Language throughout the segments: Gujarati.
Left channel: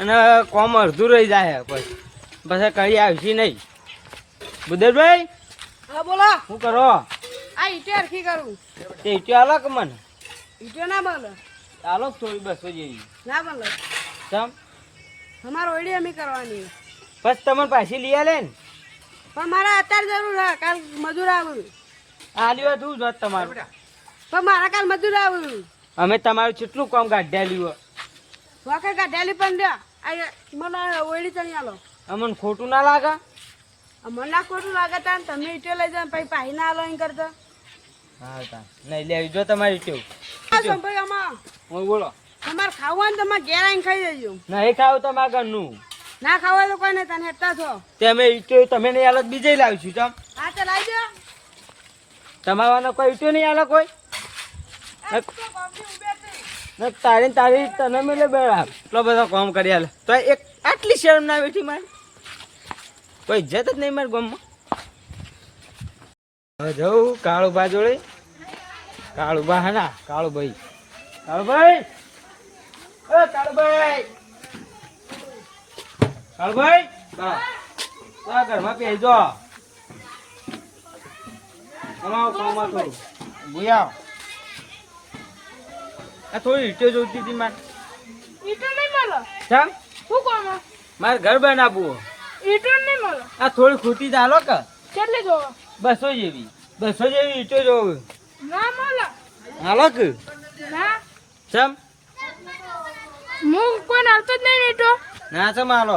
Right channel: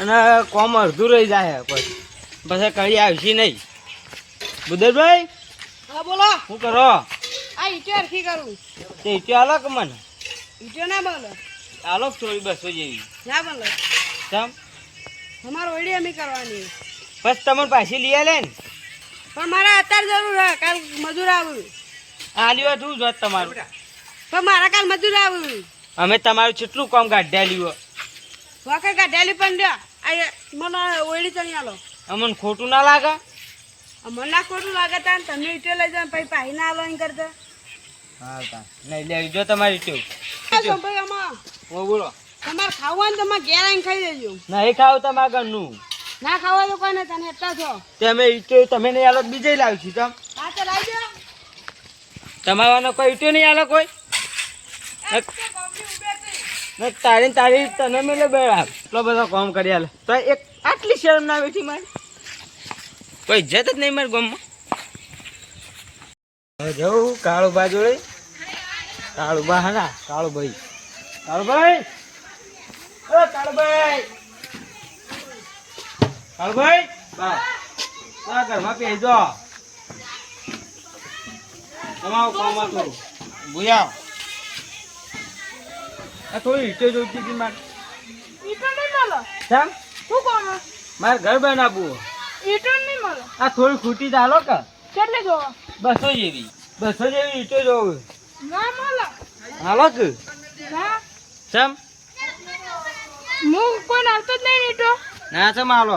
અને કોમ અડધું રહી જાય પછી પછી કઈ આવશે નહીં. બુદરભાઈ હા બોલો. શું કરો? આ ઈટે અરખી કરું. તે ઈટો આલો કે મને? ઈટે ના બોલો આલો થોડી બસો જેવી? ના બોલો તમ તમારો ઓડી અમે કરવાની. બસ તમને પાછી લઈ આલે ને. પણ મારા અત્યારે જરૂર હે કાલ મજૂર આવું. આલ્યો તું જોત તમારું. પણ મારા કાલ મજૂર આવું. અમે તમારું કેટલું કામ કાઢ્યા લ્યો. વખત લી પણ આ મને ઓળી ચણી આલો. અમને ખોટું ના લાગે? અમને મને ના ખોટું લાગે તાન તમે ઈટો લઈ જાઓ પછી પાહી ના આલો એમ કરતા. હા તા. નહીં લેવી જો તમારી ઈટો. સંભાઈ આમાં. હું બોલો. તમારે ખાવાનું હોય ને તમે ઘેર આવીને ખાઈ જજો નહીં ખાવ તમારા ઘરનું ના ખાવા તો કોઈ નહીં તને હેઠતા છો. તમે અમે ઈટો તમે નહીં આલો બીજે લાવશું તમ હા તો લાવજો. તમારાનો કોઈ ઈટો નહીં આલો કોઈ? ને તારી તને મેલે બેડા એટલો બધો કામ કરી આલે. તો એક આટલી શરમ ના બેઠી મારી. કોઈ ઇજ્જત જ નહીં મારી ગામમાં. જવું કાળુબા જોડે. કાળુબા હા ના કાળુભાઈ. કાળુભાઈ! એ કાળુભાઈ! કાળુભાઈ! બા ઘરમાં પહેજો તમારું કામ હતું. ભૂયા આ થોડી ઈટો જોઈતી હતી મારે. ઈટો નહીં મળો. ચાલ શું કોમ મારે ઘર બનાવવું ઈટો નહીં મળો. આ થોડી ખૂટી ચાલો કે. કેટલી જોવો? બસો જેવી. બસો જેવી ઈટો જોવું ના મળો. હાલો કે. ના. ચમ? હું કોઈ આવતો જ નહીં ઈટો. ના ચમ માલો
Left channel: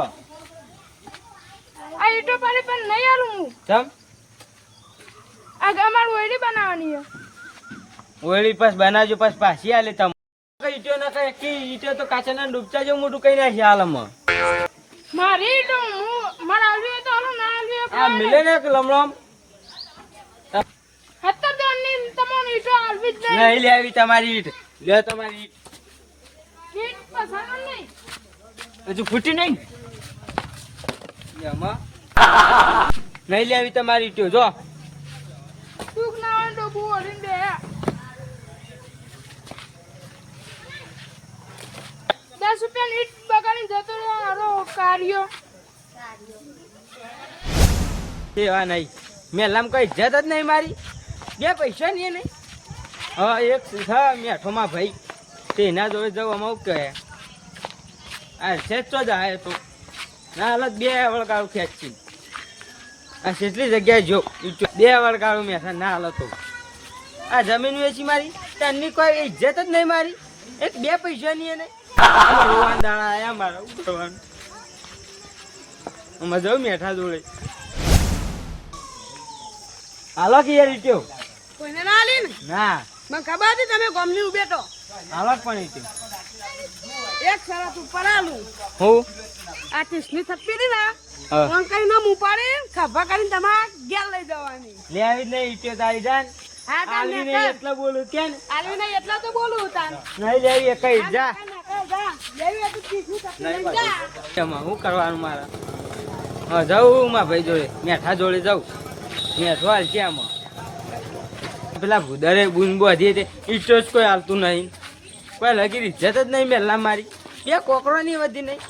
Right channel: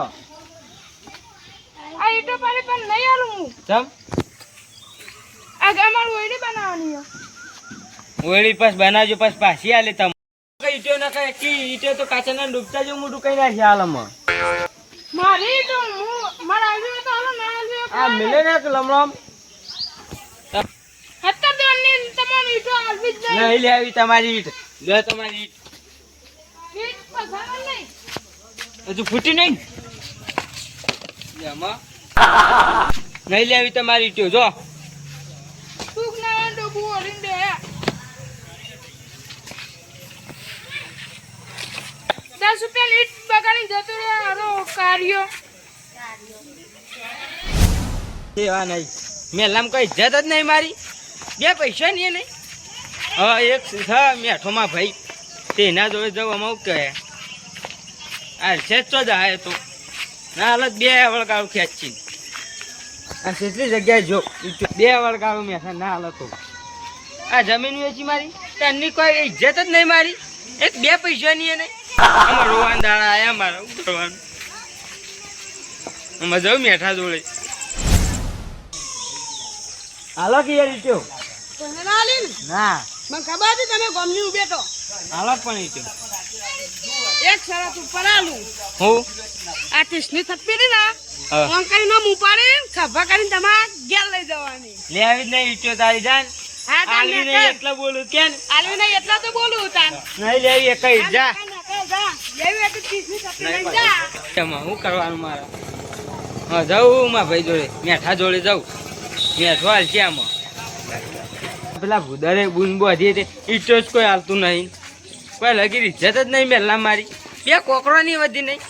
આ ઈટો પાડી પણ નહીં આલું હું. ચમ? આ અમારું ઓયડી બનાવવાની છે ઓળી પાસ બનાવજો પાસ પાછી આલે તમ ઈટો ના કાય કે ઈટો તો કાચા ના ડૂબતા જેવું મોટું કઈ નાખી હાલમાં મારી તો હું મારા આવ્યો તો હાલો ના આવ્યો આ મિલે ને કે લમલમ દોનની તમારી ઈટો આવી જ નહીં. નહીં લેવી તમારી ઈટ. લે તમારી ઈટ. ઈટ પસાર નહીં. હજુ ફૂટી નહીં? એમાં નહીં લેવી તમારી ઈટો જો. સુખ ના તો ઓલીને દસ રૂપિયા લીટ બગાડી જતો રહ્યો. આરો કાર્યો. એવા નહીં. મેલામ કોઈ ઇજ્જત જ નહીં મારી. બે પૈસા નહીં નહીં હા, એક છે મેઠોમાં ભાઈ. તેના જોડે જવું અમારું કહે. આ છે જ તો તો. ના હાલત બે વળગાડું ખેંચી આ કેટલી જગ્યાએ જો. તો બે વળગાડું મેઠા ના હાલત તો. આ જમીન વેચી મારી. તની કોઈ ઇજ્જત જ નહીં મારી. એક બે પૈસા નહીં નહીં રોવાન દાડા આયા મારા શું કરવાનું? આમાં જાઉં મેઠા જોડે. હાલો કે યાર ઈટ્યો કોઈને ના આલી ને? ના. મને ખબર હતી તમે ગમની ઉભેટો. હાલો પણ ઈટ્યો એક શરત ઉપર આલું. હું? આ ટીસની થપ્પી ને હા. ફોન કરીને આમ ઉપાડી ખભા કરીને તમારે ઘેર લઈ જવાની. લે આવી જ નહીં ઈટ્યો તારી જાન. હા આલવી નહીં. એટલા બોલું કે આલવી નહીં એટલા તો બોલું તાન. નહીં લેવી એક જ. એમાં શું કરવાનું મારા? હા જાઉં માં ભાઈ જોડે. મેઠા જોડે જાઉં. મેઠો હાલ છે આમાં. પેલા ભૂદરે બૂન બોધી તે ઈટો જ કોઈ હાલતું નહીં. કોઈ લગી ઇજ્જત જ નહીં મેલા મારી. બે કોકરો નહીં વધી નહીં.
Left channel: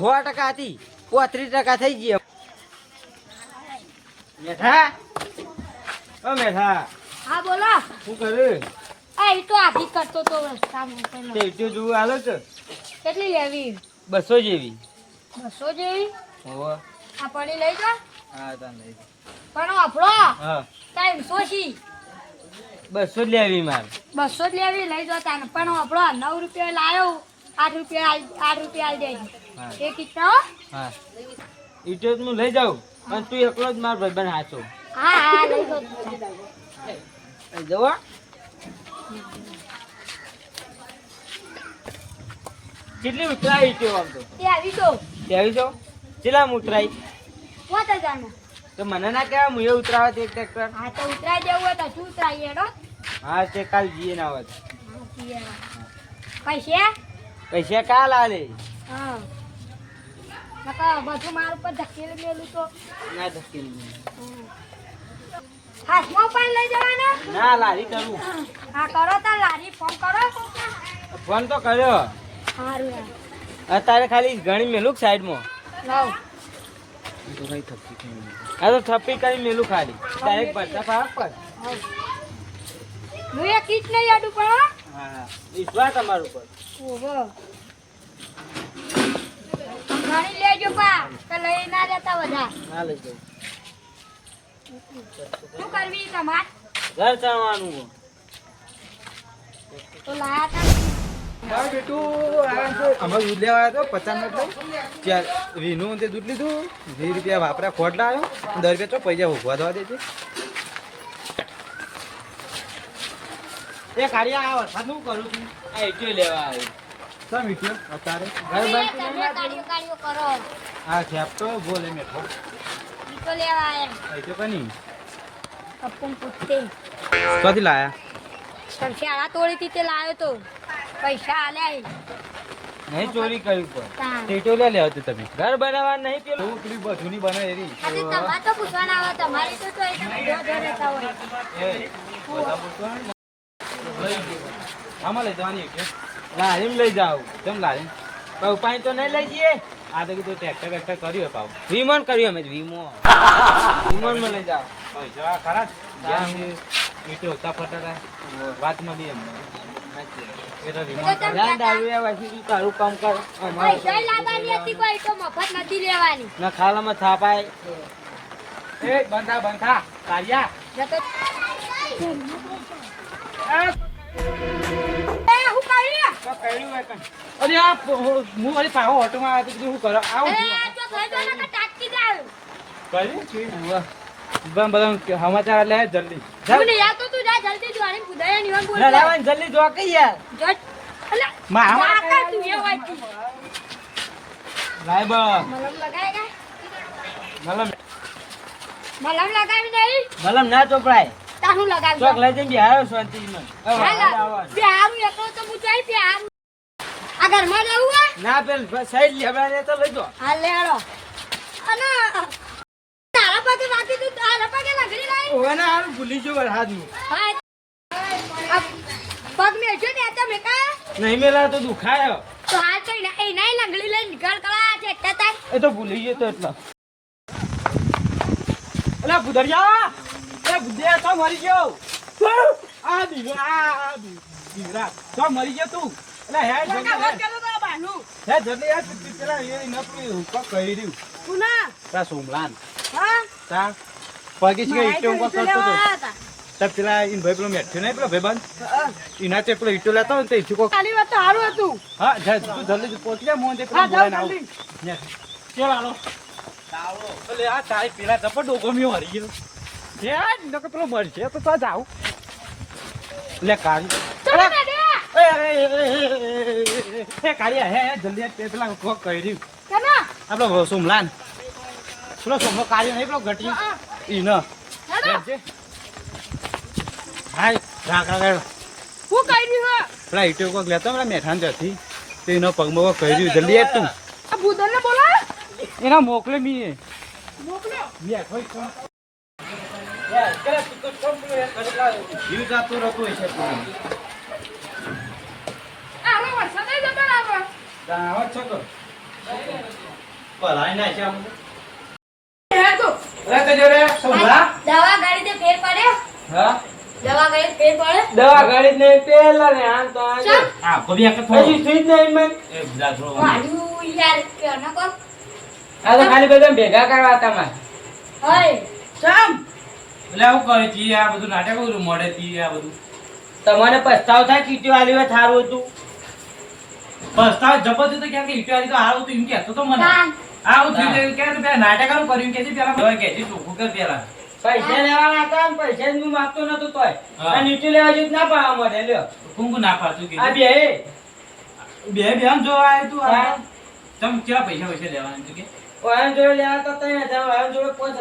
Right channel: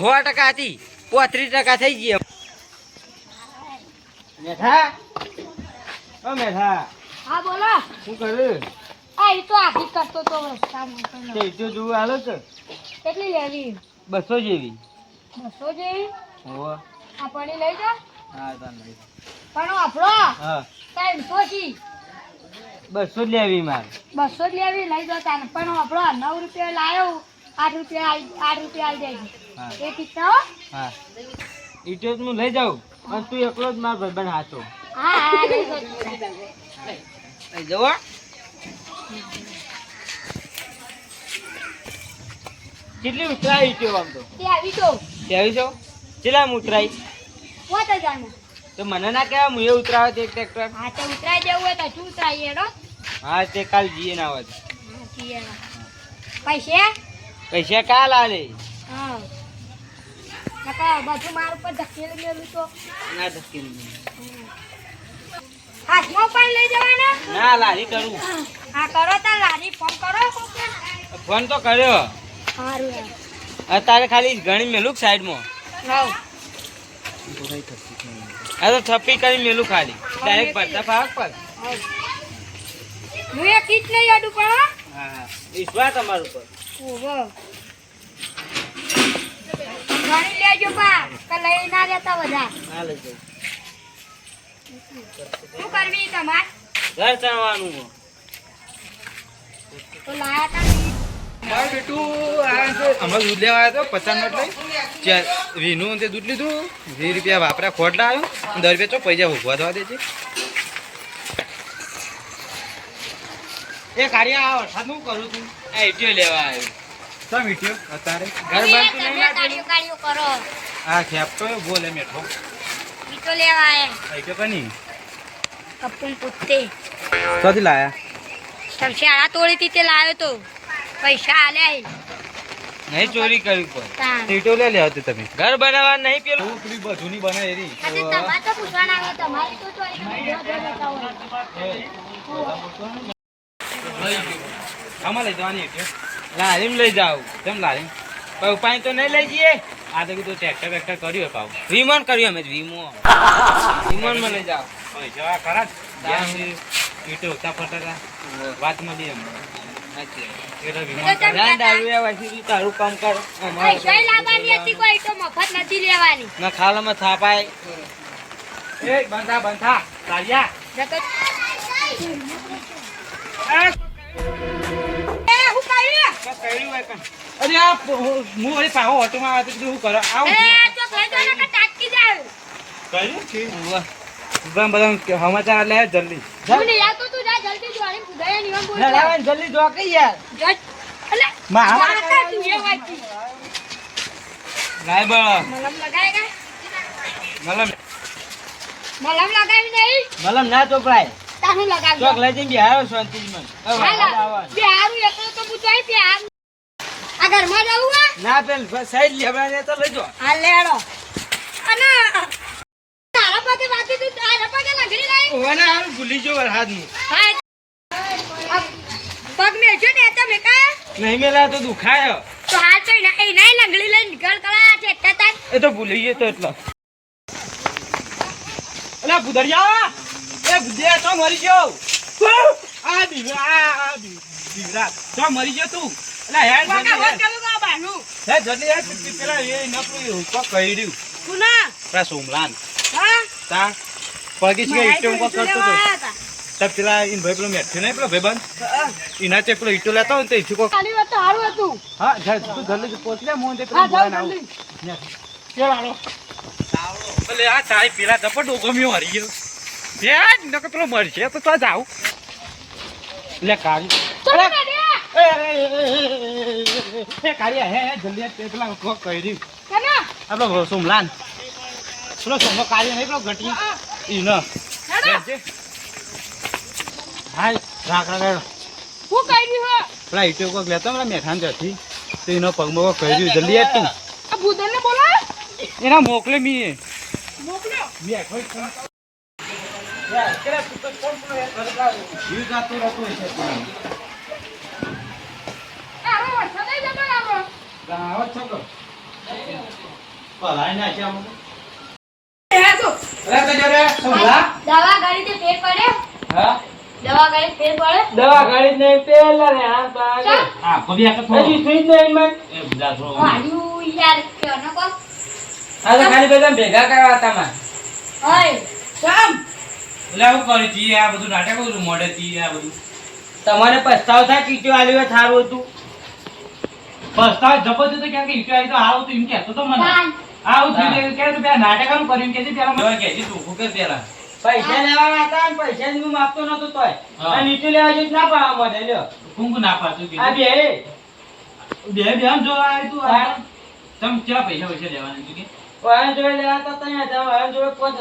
સો ટકા હતી. પોત્રીસ ટકા થઈ ગયા મેઠા? ઓ મેઠા. હા બોલો. શું કરે? આ ઈ તો આધી કરતો તો રસ્તામાં ઈટો જોવું હાલો છે. કેટલી લેવી? બસો જેવી. બસો જેવી? હોવે. આ પડી લઈ જા. હા તાન લઈ. પણ આપણો? હા. ત્રણસો છી બસો જ લેવી મારે. બસો જ લેવી લઈ જાઓ તાને. પણ આપણો નવ રૂપિયા લાયો. આઠ રૂપિયા આઠ રૂપિયા આવી જાય એ કિतना હો? ઈટો હું લઈ જાઉં. અને તું એકલો જ મારો ભાઈબંધ હાચો. હા હા લઈ લઈ જવો કેટલી ઉતરાઈ છે આમ તો? કેવી છો કેટલા ઉતરાઈ તો મને ના કેવા હું એ ઉતરાવે તે ટ્રેક્ટર હા તો ઉતરાઈ દેવું હોય તો શું ઉતરાઈ એનો હા તે કાલ જીએ ના આવે પૈસે પૈસે કાલ આલે? હા. બધું મારું પર ધકેલી મેલું તો. ના ધક્કી હાથમાં પણ લઈ જવાના? ના લારી કરું. હા કરો તો લારી ફોન કરો. ફોન તો કર્યો. અત્યારે ખાલી ઘણી મેલું સાઈડમાં લાવ અરે થપ્પી કરી મેલું ખાલી. ડાયરેક્ટ ભરતા ફાવક પર હું એ કીટ નહીં આડું પણ હા. વિશ્વાસ તમારું પર ઓહો. ગણી લેજો પા કે લઈ ના લેતા બધા. ના લઈ શું કરવી તમાર? ઘર ચણવાનું તો લાયા તા. મારે બેટું અમારે દૂધ લેવા આવ્યો હતો પચાસ નોટ લઈ. ચાર વીનું તે દૂધ લીધું. વીસ રૂપિયા વાપરા ખોટ આવ્યો દસ રૂપિયા ચો પૈસા ઉભવા દવા દેજે. એ કાઢ્યા આ વરસાદ હું કરું છું? આ એટીઓ લેવા આવ્યો. સા મીઠ્યો અત્યારે. ઘર તમે બનતું નહીં કાઢ્યો કરો. આ ખેપ તો બોલે મેઠો. ઈટો લેવા આયા પૈસો કની? કપૂન પુત્તે. કદી લાયા? તોડી તે લાવ્યો તો. પૈસા આલે. નહીં ચોરી કરવી પણ. સીટો લે લેવા તમે. ઘર બનાવવા નહીં પેલું? એવું પેલી બધું બને એરી. આજે તમારે તો પૂછવાના આવે તમારી તો તો એકદમ ધો ધો રહેતા હોય. આમાં લઈ જવાની લારીમ લઈ જાવ. કેમ લારીમ પણ ઉપાય તો નહીં લઈ જઈએ? આ તો કીધું ટ્રેક્ટર બેક્ટર કર્યું પાવ વિમન કર્યું અમે વીમો વિમન. માં લઈ જાવ પૈસા ખરા ઈટો ઉતા ફરતા હતા. વાત મળી તારું કામ કર મફત નથી લેવાની ના ખાલામાં થાપાય એ બંધા બંધા. કાઢ્યા જતો આ હું કર્યું તો કર્યું હોય કાંઈ. અરે આ હું વળી પાહો તો કીધું કરો આવું કર્યું બધા સમાચાર લે જલ્દી જલ્દી જોવાની ખુદાએ નિવાન બોલ લેવાન જલ્દી જો કે યાર. જો અલે માં, તું એ વાંચી લાય મલમ લગાવેગા મતલબ મલમ. લગાવી નહીં? મલમ ના ચોપડાય. તાનું લગાવી ચોક લઈ જઈને બિહારો શાંતિમાં. એકલું તો પૂછાય બે આ ઘરમાં જવું હે? ના પેલ સાઈડ લેબડાને તો લઈ જો. હા લેડો. અને તારા તું તારા પાસે લંગડી ઓવાના હારું ભૂલી જો વરસાદનું પગ મેજો ને તમે કા નહીં મેલા તો દુખાયો. તો હાલ તો એ નહીં લંગડી લઈને નીકળ કલા છે તાર એ તો ભૂલી ગયો તો એટલો. અલા ભુદરિયા એ ભુદિયા તો મરી ગયો. આ દીવા આ દીવરા તો મરી ગયો તું. અલા હે જલ્દી હે. જલ્દી હે તું પેલા એ નકરું કહી રહ્યું કુના? પેલા સોમલાન. હા? તા? પગી છે ઈટો ઉપર કરતો તો. તબ પેલા ઈન ભાઈ પેલો મેઠ્યો નહીં પેલો ભાઈબંધ? એના તે પેલો ઈટો લેતો ને તો ઈથી કોક ખાલી વાત તો હારું હતું. હા જા તું જલ્દી પહોંચી જા મોહન તે હા જાવ જલ્દી. ચાલ હાલો અલે આ તારી પેલા જબર ડોગમિયો હરી ગયો. હે નકર પેલો મરશે તો તો જાવ લે કાઢ્યા એ, કાળિયા, હે, જલ્દી તે પેલા કોક કહી રહ્યું. આપણો સોમલાન. પેલો સોમલો કાળિયો નહીં, પેલો ઘટી. ઈ ન. હેડો બેસજે. હાય, રાખ, રાખ. હું કર્યું હે પેલા ઈંટો કોક લેતો પેલા મેઠાણ ત્યાંથી. તે એનો પગમાં કહી રહ્યું. જલ્દી આવ તું. આ ભૂદરને બોલાય એના મોકલે મી મોકલ્યો કોઈ જીવ જાતું રહેતું આવી ને. હે તો અરે કજો રે, સોમલા? દવા ગાડી તે ફેર પડે. હા? દવા ગાડી ફેર પડે. દવા ગાડી નહીં પેલા ને આમ તો આગે. હા, કોબી આકે થોડો. હજી સુઈ નહીં મને એ બધા થોડો. વાયુ યાર કે નકો આ તો ખાલી બધા ભેગા કરવા તમાર સમ એટલે આવું કરે જી આ બધું નાટક બધું મોડે જી આ બધું. તમારે પસ્તાવ થાય ચીટીઓ આલી હોય થારું હતું? પસ્તાવ જબરજસ્ત તો ક્યાં કે ઈટો આવી તો આવું તો એમ કહેતો તો મને. આવું થયું કે તું પેલા નાટકનું કર્યું કે પેલા મને કે તું કે પેલા. પૈસા લેવાના હતા ને પૈસા હું માગતો નતો તોય. અને નીચે લેવા જઈ ના પાવા મળે લ્યો. કુંકુ ના પાતું કે આ બે બે બે આમ જોવા આવ્યું તું આ તમ કેવા પૈસા પૈસા લેવાના તું કે? ઓયા લેવા તો ત્રણ હજાર ઓયા જોડે પાંચ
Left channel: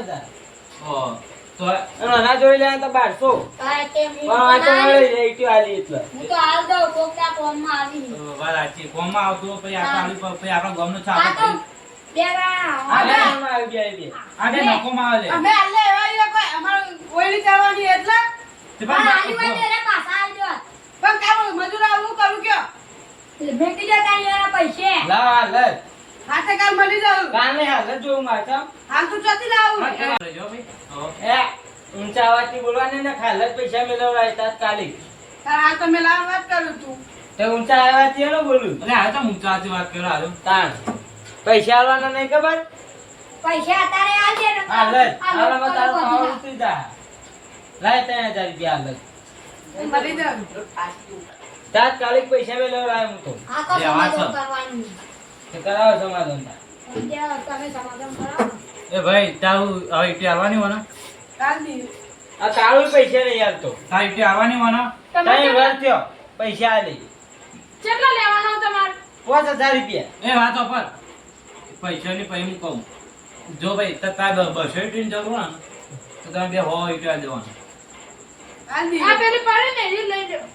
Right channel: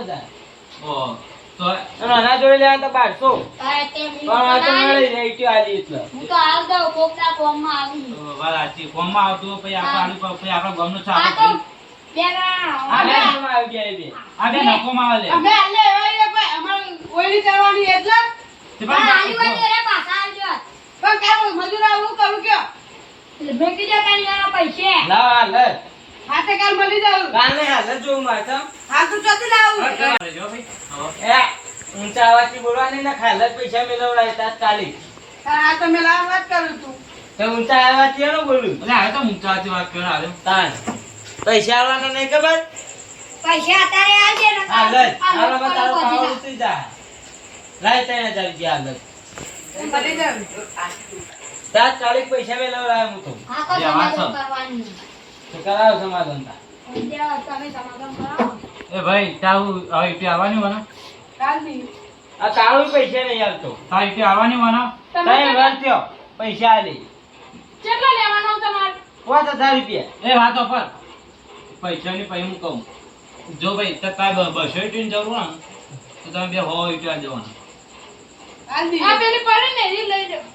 ઓ તો અને આના લેવા તો બારસો. તારે તે હું પણ આ તો બનાવી. મળી જાય આલી એટલે. હું તો હાલ દઉં કોકના ફોર્મમાં આવી. તો વાત સાચી કોમમાં આવતું પછી આપણે આલુ પછી આપણા ગામનો આ છાપ તો અવાજથી હા, ને ખાલે પૈસા ગયા એ આ બે. નકોમાં આવે લે. અમે આટલે એવા એવા કોઈ? અમારે ઓયડી કરવાની એટલે? તે મેં કીધું તારી એના પૈસે. લાવ કાલ કાલે ઊંચા બોલવાની મેળવડાય વાત કરું તું. તે ઊંચા અવાજથી એનો બોલું. એટલે હવે તો ઊંચાથી વાત કરો હાલ. તાણ. પૈસા આવવાના નહીં ખબર? પૈસા અત્યારે ને. તારો ઉતરી. લાય ત્રણ હજાર રૂપિયા તાત્કાલિક પૈસા મેળવડાય હું તો. આ તો સમાધાન કરવાની. તો કરાવો સમાધાન તમે સમાધાન કરાવો. એ ભાઈ હવે ઇટી આવવાની હોના આ કાળું પૈસા નહીં આવતો તારી ઇટી આવવાની હોના થયો. પૈસા આલી. કેટલા લેવાનો તમારે? પાંચ હજાર રૂપિયા. એ વાતો પર. પૈસાની પછી હું કહું. જો ભાઈ તો કાંઈ બસો ઇટીની જરૂર હોય ને તો તમે બે હો ઇટી દેવાના. કાલ દી આ પેલી પડી ને એ લઈ જાઓ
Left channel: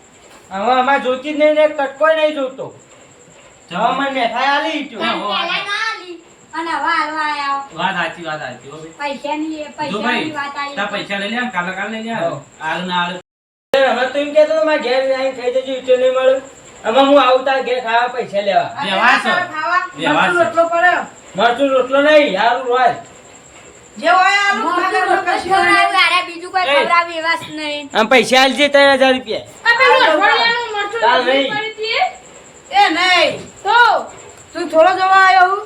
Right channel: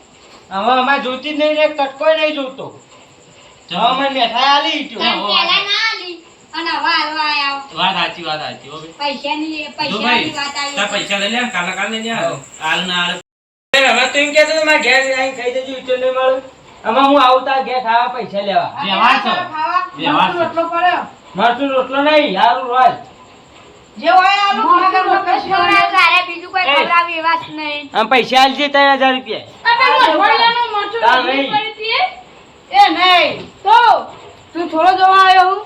હવે અમારે જોતી જ નહીં ને કટકોય નહીં જોતો. હવે મને આલી અને હાલવા વાત સાચી વાત સાચી હો ભાઈ. પૈસાની વાત આવી. પૈસા લઈ લે કાલે કાલે લઈ લે. હાલ ના હાલ. હવે તું એમ કહેતો મારા મારે ઘેર આવીને ખાઈ જજે ઈટ્યો નહીં મળે. આમાં હું આવતા ઘેર ખાવા પૈસા લેવા. વ્યવહાર છે. ખાવા વ્યવહાર મરચું છે. રોટલો પડ્યો? મરચું રોટલો નહીં રોજ જે હોય આલુ મોઢું રોટલો મગર ખવડાવ, તારે બીજું કોઈ એ. ખવડાવે એવા જ નહીં. આમ પૈસા આલજે ત્રણ હજાર રૂપિયા. આ પેલું અઠવાડિયાનું મરચું ચાલ લીલી નહીં. એ? એ નહીં. તો? તું થોડો જવા આવ્યો હું.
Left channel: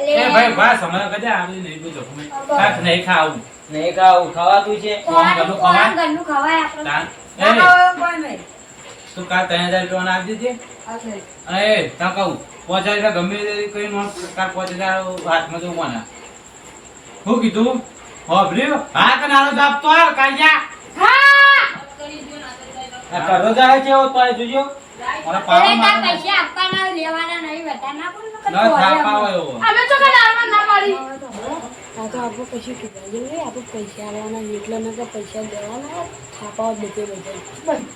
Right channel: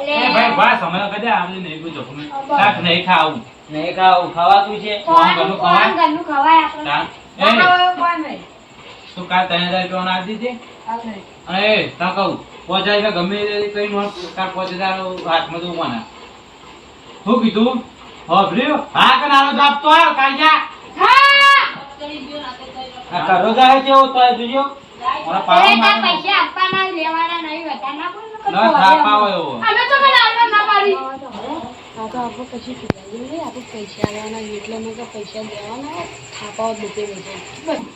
એ ભાઈ બસ હમણાં કદા આવું નહીં બધું નહીં. ખાવું. નહીં ખાવું ખાવાતું છે. ખોરાનું- ઘરનું ઘરનું ખવાય આપણે. તાન. એ ખાવા એવું કોઈ નહીં? તું કાલ ત્રણ હજાર રૂપિયા આપી દીધી. અને તા કહું પાંચ હજાર રૂપિયા ગમે કઈ નો કાલ પાંચ હજાર હાથમાં તો ઉમાના. શું કીધું? હોભર્યું? હા કે નાનો જાપ તો આવ કાઢ્યા હા! આ કરો જાય છે તો જોજો. મને પાવા પૈસા આપવાના લેવાના નહીં વધારે ના બોલ ના ન થાપ એવો. અમે તો કઈ આવવા ના પાડી. આ તો આપણે પછી પીવાઈ જઈએ આપણે પૈસા લેવાના એટલે મેં કે પૈસા દેવાના થાપાવા બધે બધે. ભાઈ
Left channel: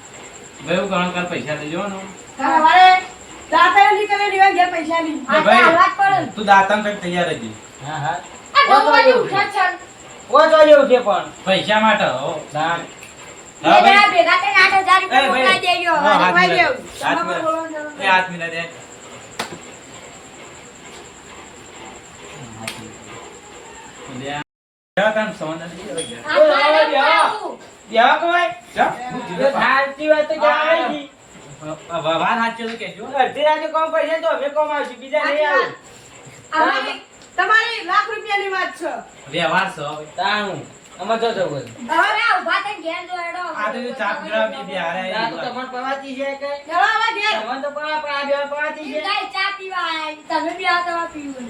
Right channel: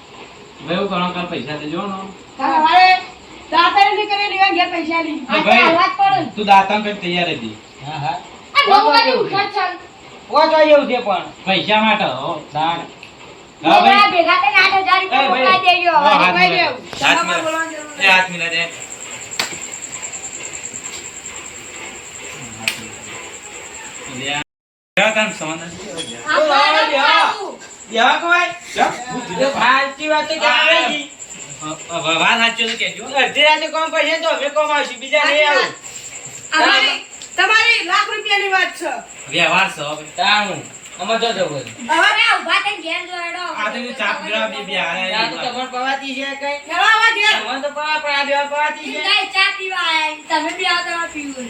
એવું ઘણા કાલ પૈસા લેજો નો કાલ અમારે કરે એવા ઘેર પૈસા લઈ. ભાઈ. તું દાતણ કઈ તૈયાર હતી હા હા. આ નવ વાગે ઉઠો જ છે. ઓછો જેવું છે પણ. પૈસા માટે હો. ભાઈ. ભેગા થઈને આઠ હજાર રૂપિયા દેજો. હાથ નથી. મિલા દે. તારે ખાવું. બેવા કોઈ ચા? એ સાચી વાત તો ક્યાં આવે છે? વાત સાચી તો કહેજો અડધી રાતે કોમ પૈસા તો અમે કોમ આવશું બીજા નહીં આવું. તમારી લાખ રૂપિયાની વાત છે. વ્યવહાર છે હવે. તાણું. અમે તો જવું હવે ઊભા થઈને ઘેર જો આ તો જે ચા પીવડાવે બે બે આ તો તમને પવાતી છે કઈ? હેલો આવા ઘેર તમને તો પવા પણ આ બે પવાતી છે. ગાય ચા પીવા આયા. તમે બી તો પીવું